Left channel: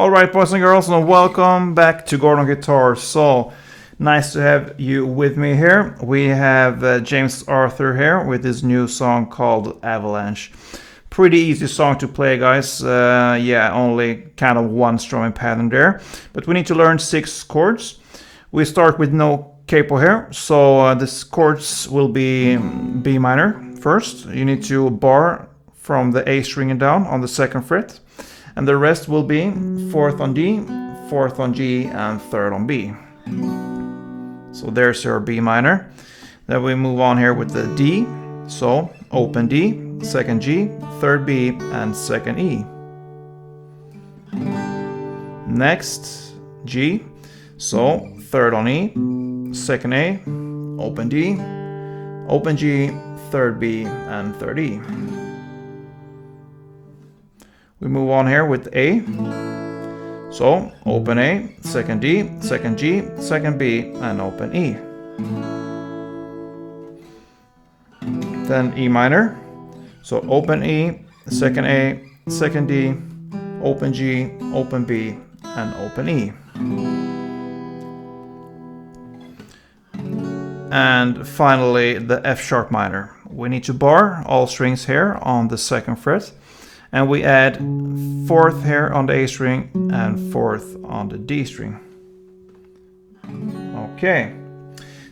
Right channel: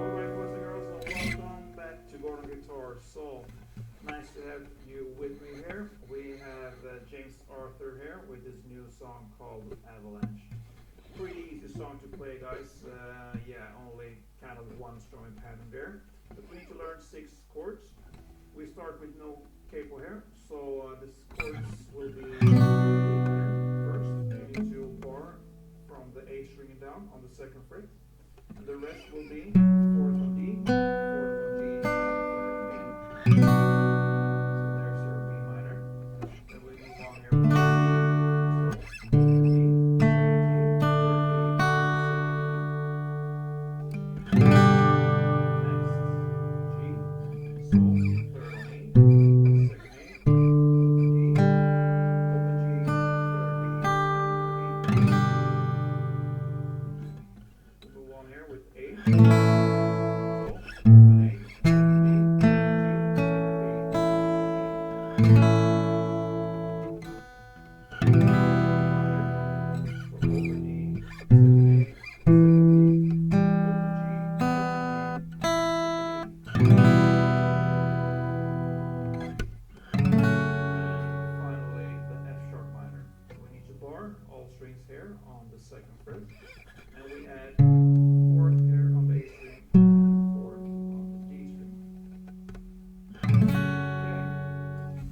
Alright, boys and girls, and welcome back to Gordon Guitar. So, nice to have you with me here. We have James Arthur here with his new song called Avalanche. Pretty easy song to play, guys. Yeah, only kind of one strumming pattern there. But we need to learn 6 chords. We start with no capo here, so this chords will be B minor first. You need to bar from the A string and down on the 2nd fret. And the rest will be 4th on D, 4th on G, and 3rd on B. So there's your B minor. Then we move on here with the D. So open D, 2nd G, 3rd B, and 2nd E. Next, G. So 3rd on E, 2nd A, open D, open G, 3rd B, and 3rd E. We move on here with A. So open A, 2nd D, 2nd G, 2nd B, and open E. Then E minor. So open E, 2nd A, 2nd D, open G, open B, and open E. And finally the F sharp minor. We need to bar all strings here on the 2nd fret. And we add 4th here on the A string and 4th on the D string. Okay,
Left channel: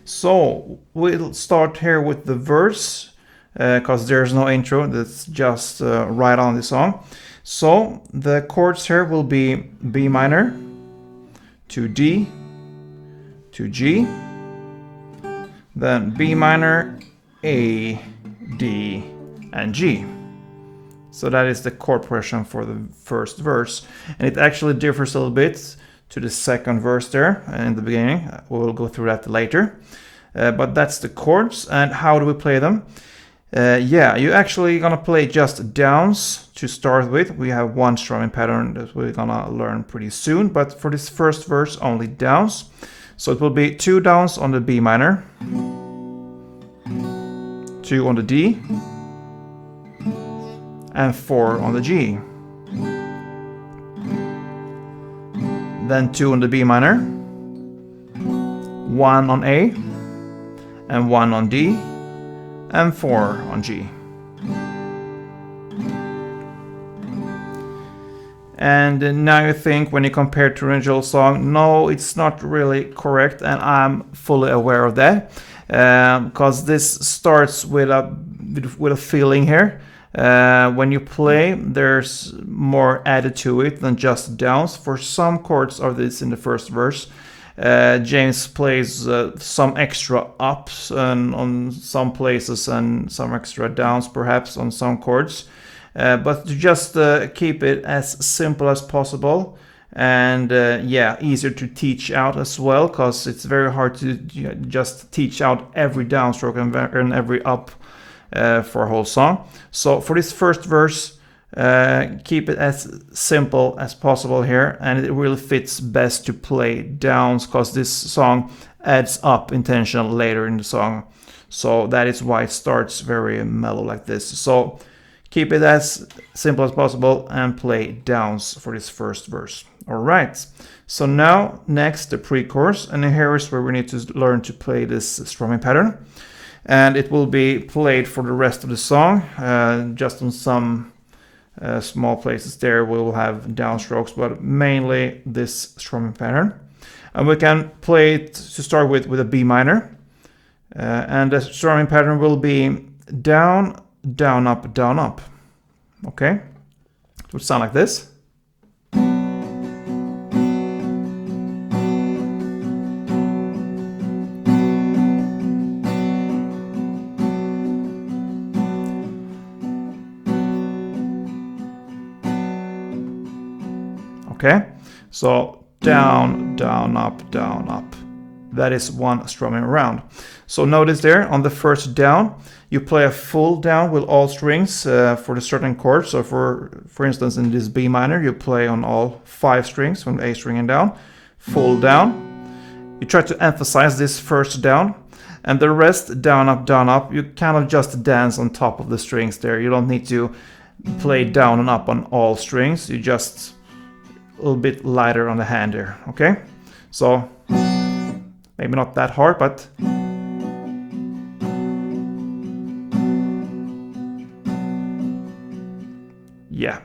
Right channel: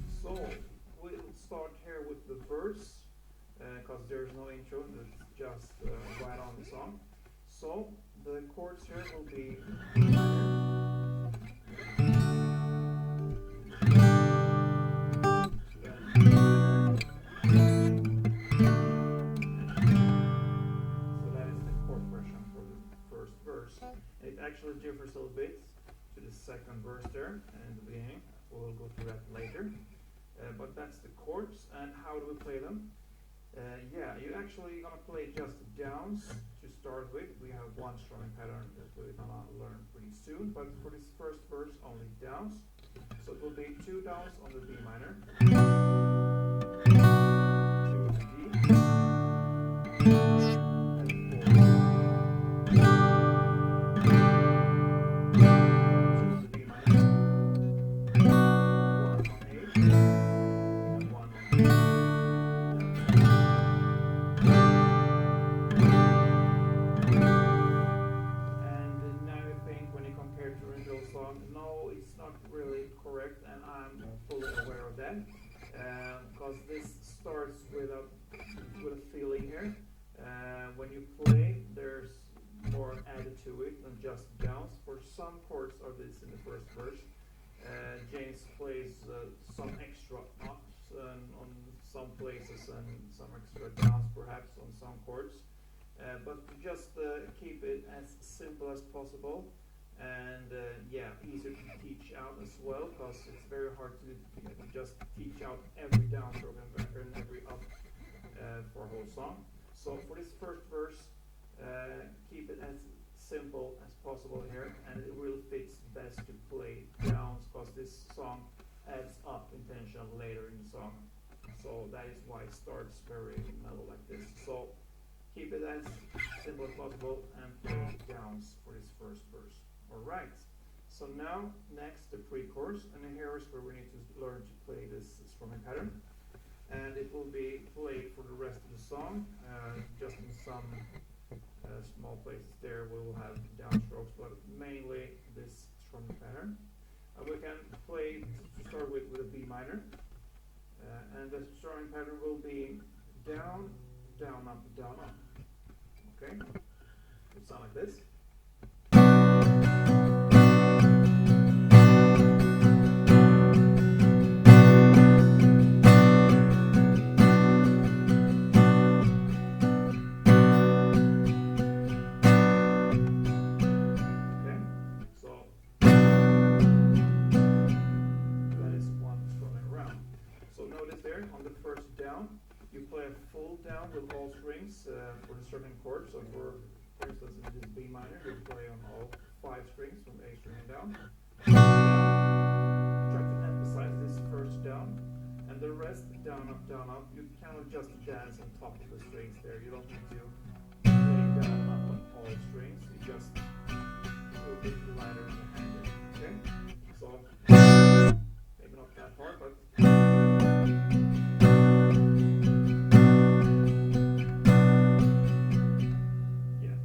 so we'll start here with the verse because there's no intro, that's just right on the song. So the chords here will be B minor to D to G, then B minor, A, D, and G. So that is the chord progression for the first verse. And it actually differs a little bit to the 2nd verse there in the beginning. We'll go through that later. But that's the chords. And how do we play them? Yeah, you're actually gonna play just downs to start with. We have one strumming pattern that we're gonna learn pretty soon. But for this first verse, only downs. So it will be 2 downs on the B minor, 2 on the D, and 4 on the G. Then 2 on the B minor, 1 on A, and 1 on D, and 4 on G. And now you think, when you compare to the original song, no, it's not really correct, and I'm fully aware of that, because this starts with a feeling here. When you play, there's more added to it than just downs. For some chords of this in the first verse, James plays some extra ups on some places and some extra downs perhaps on some chords. But to just keep it as simple as possible, and yeah, easier to teach out as well, because it's very hard to just teach out every downstroke and every up for a whole song. So for this first verse, keep it as simple as possible here, and it really fits best to play downs because this song adds up intentional later in the song. So that is why it starts very mellow like this. So keep it as simple as possible and play downs for this first verse. Alright, so now next the pre-chorus, and here is where we need to learn to play this strumming pattern. And it will be played for the rest of the song. Just on some small places there we will have downstrokes, but mainly this strumming pattern. And we can play it to start with a B minor. And the strumming pattern will be down, down, up, down, up. Okay? It would sound like this. Okay, so down, down, up, down, up. That is one strumming round. So notice there on the first down, you play a full down with all strings for the certain chord. So for instance, in this B minor, you play on all 5 strings from the A string and down, full down. You try to emphasize this first down, and the rest down, up, you kind of just dance on top of the strings there. You don't need to play down and up on all strings. You just little bit lighter on the hand there, okay? So maybe not that hard, but yeah.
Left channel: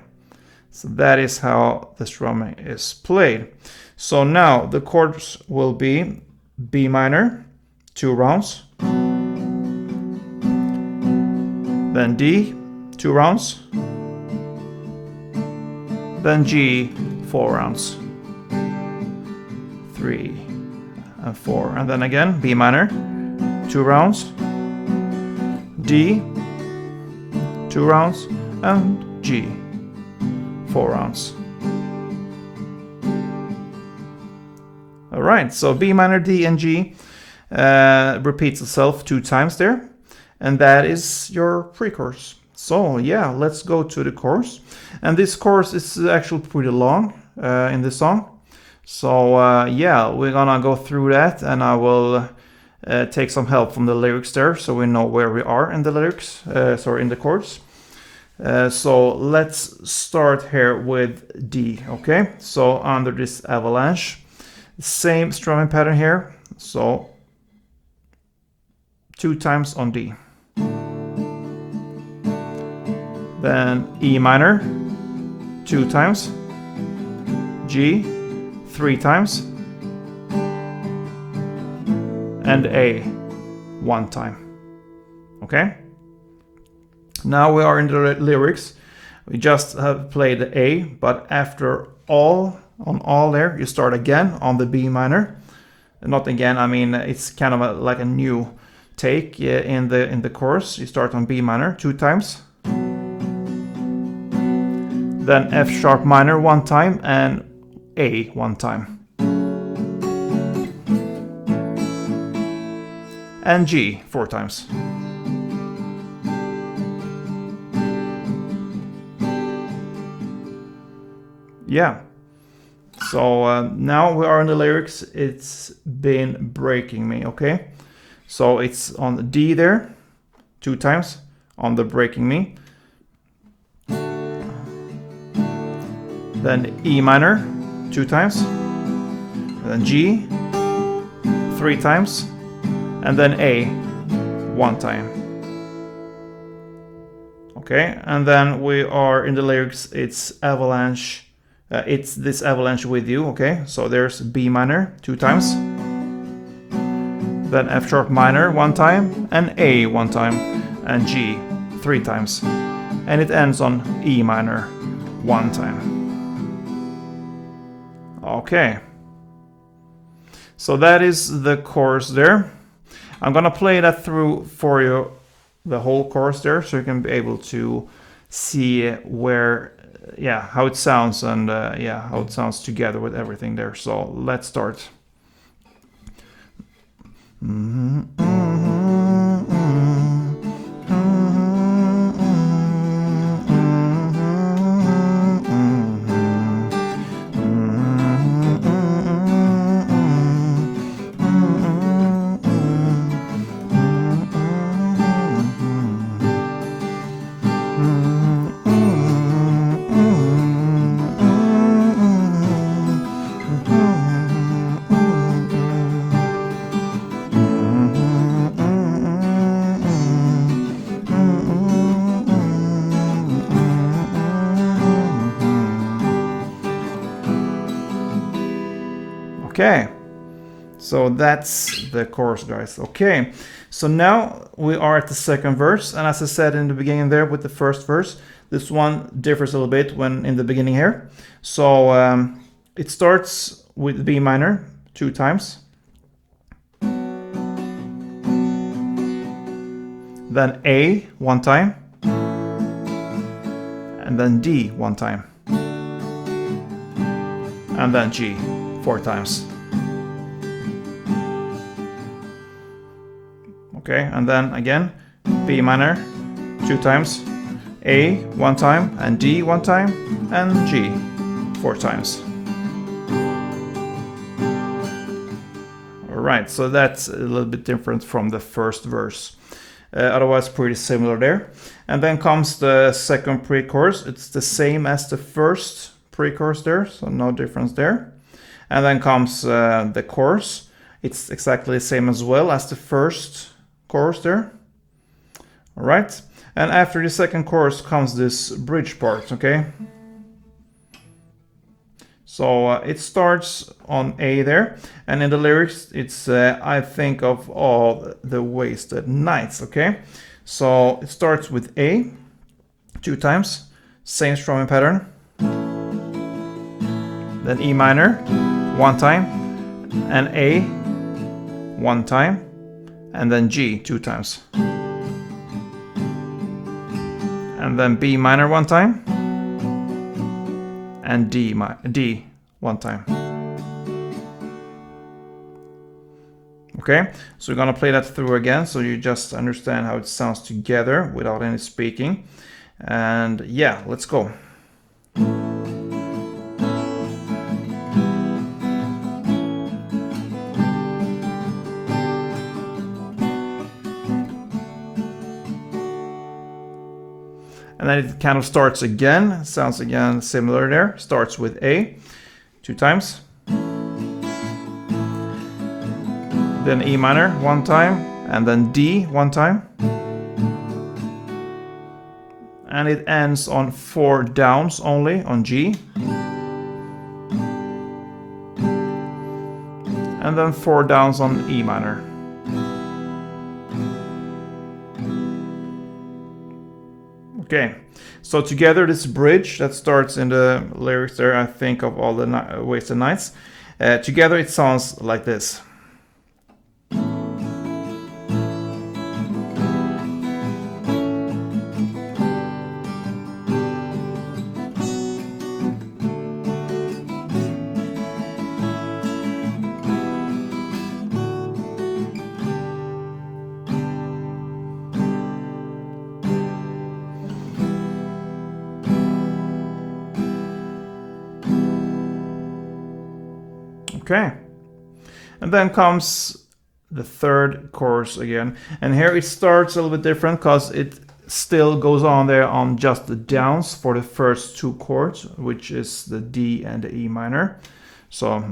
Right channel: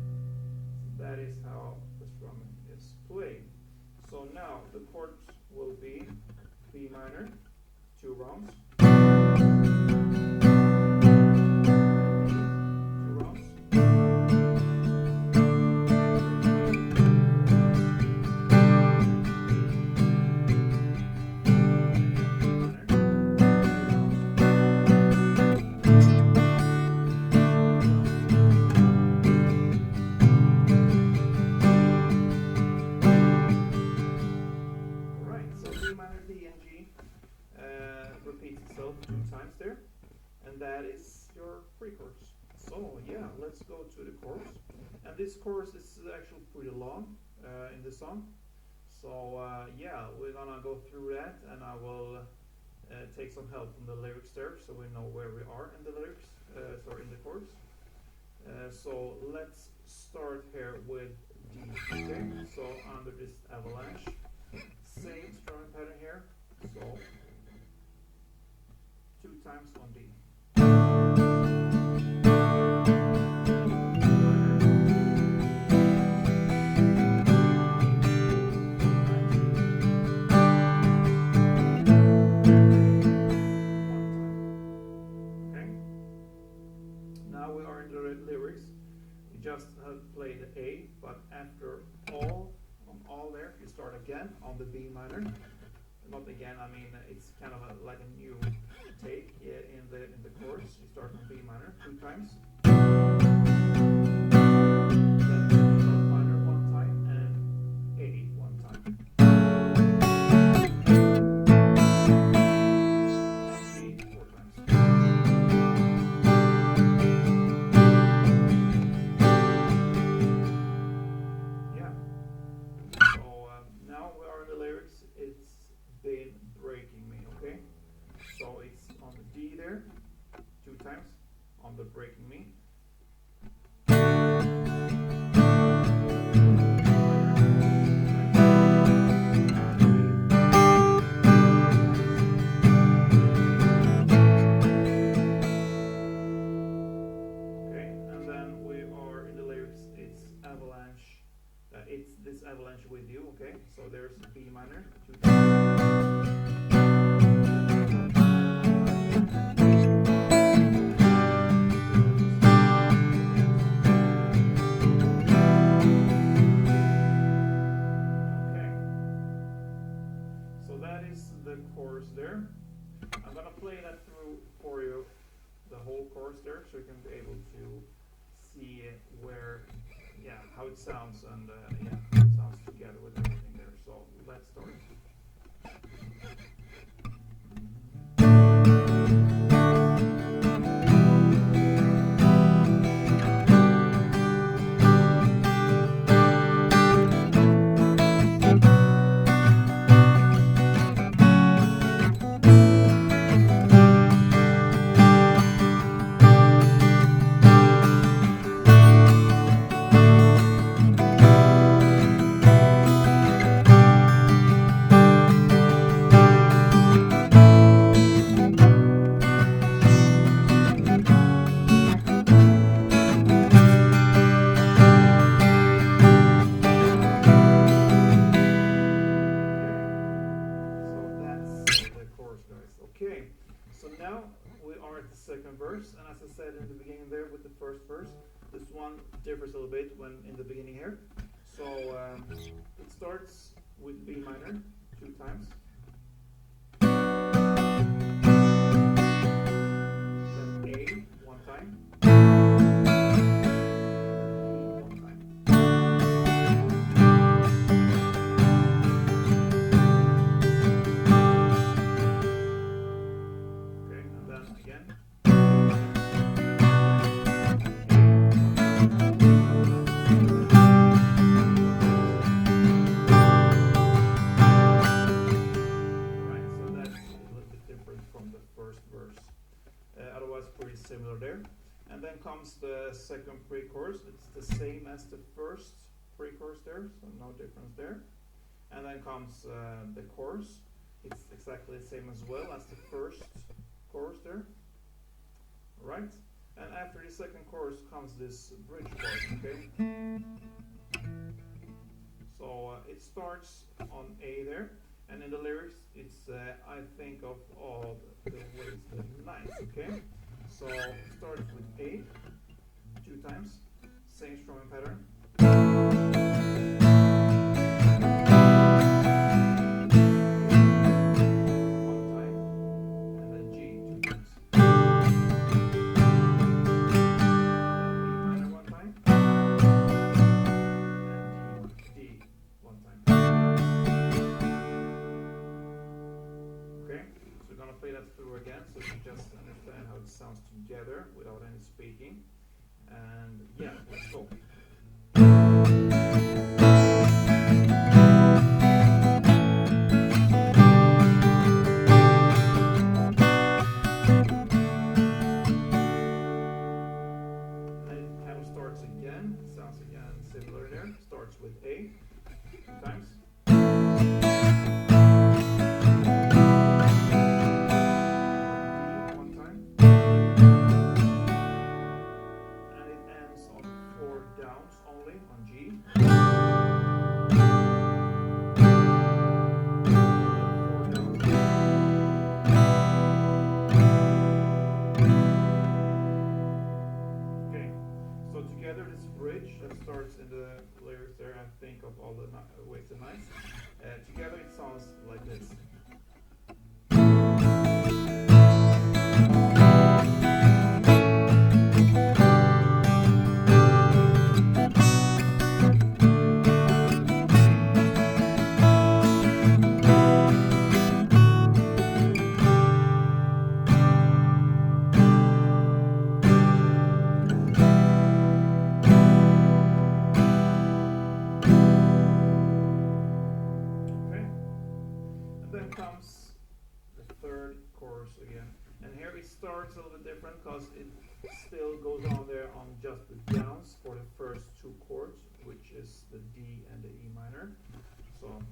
So that is how the strumming is played. So now the chords will be B minor, 2 rounds, then D, 2 rounds, then G, 4 rounds, 3 and 4, and then again B minor, 2 rounds, D, 2 rounds, and G, 4 rounds. Alright, so B minor, D, and G repeats itself 2 times there, and that is your pre-chorus. So yeah, let's go to the chorus. And this chorus is actually pretty long in this song. So yeah, we're gonna go through that, and I will take some help from the lyrics there, so we know where we are in the lyrics, in the chords. So let's start here with D, okay? So under this avalanche, same strumming pattern here, so 2 times on D. Then E minor, 2 times, G, 3 times, and A, 1 time, okay? Now we are in the lyrics. We just have played the A, but after all, on all there, you start again on the B minor. Not again, I mean, it's kind of like a new take in the chorus. You start on B minor 2 times. Then F sharp minor 1 time and A 1 time. And G 4 times. Yeah. So now we are in the lyrics. It's been breaking me, okay? So it's on D there 2 times on the breaking me. Then E minor 2 times, then G 3 times, and then A 1 time. Okay, and then we are in the lyrics, it's avalanche, it's this avalanche with you, okay? So there's B minor 2 times, then F sharp minor 1 time, and A 1 time, and G 3 times. And it ends on E minor 1 time. Okay, so that is the chorus there. I'm gonna play that through for you, the whole chorus there, so you can be able to see where, yeah, how it sounds, and yeah, how it sounds together with everything there. So let's start. Okay, so that's the chorus, guys. Okay, so now we are at the second verse, and as I said in the beginning there with the first verse, this one differs a little bit when in the beginning here. So it starts with B minor 2 times, then A 1 time, and then D 1 time, and then G 4 times. Okay, and then again B minor 2 times, A 1 time, and D 1 time, and G 4 times. Alright, so that's a little bit different from the first verse. Otherwise pretty similar there. And then comes the second pre-chorus. It's the same as the first pre-chorus there, so no difference there. And then comes the chorus. It's exactly the same as well as the first chorus there. All right, and after the second chorus comes this bridge part, okay? So it starts on A there, and in the lyrics it's I think of all the wasted nights, okay? So it starts with A 2 times, same strumming pattern. Then E minor 1 time, and A 1 time, and then G 2 times. And then B minor 1 time, and D 1 time. Okay, so we're gonna play that through again so you just understand how it sounds together without any speaking. And yeah, let's go. And then it kind of starts again, sounds again similar there. Starts with A 2 times. Then E minor 1 time, and then D 1 time. And it ends on 4 downs only on G. And then 4 downs on E minor. Okay, so together this bridge that starts in the lyrics there, I think of all the wasted nights. Together it sounds like this. Okay, and then comes the third chorus again, and here it starts a little bit different because it still goes on there on just the downs for the first 2 chords, which is the D and the E minor. So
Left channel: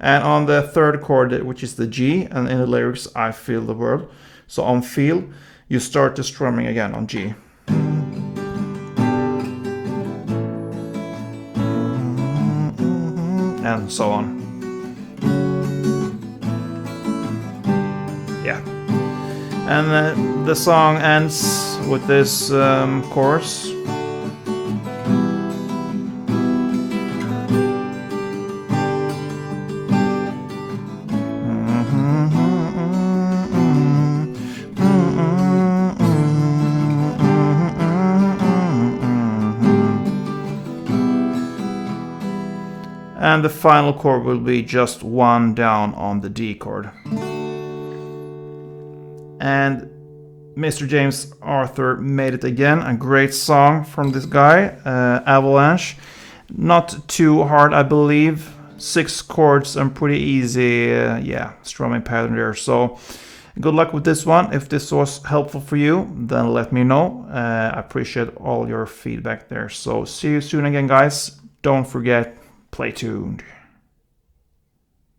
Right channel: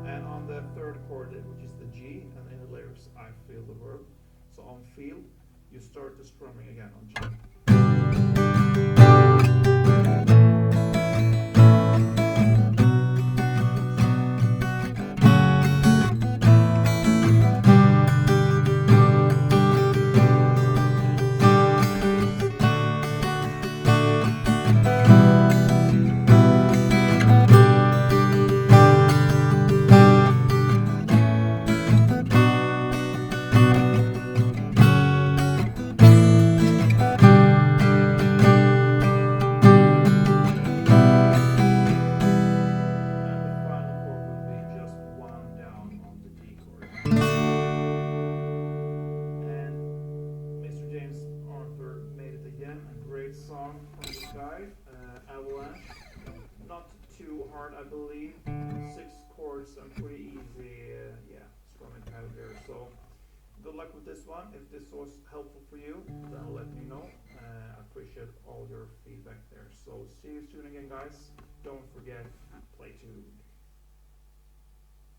and on the third chord, which is the G, and in the lyrics I feel the world. So on feel you start the strumming again on G. And so on. Yeah. And then the song ends with this chorus. And the final chord will be just 1 down on the D chord. And Mr. James Arthur made it again. A great song from this guy, Avalanche. Not too hard, I believe. 6 chords and pretty easy, yeah, strumming pattern there. So good luck with this one. If this was helpful for you, then let me know. I appreciate all your feedback there. So see you soon again, guys. Don't forget, play tuned.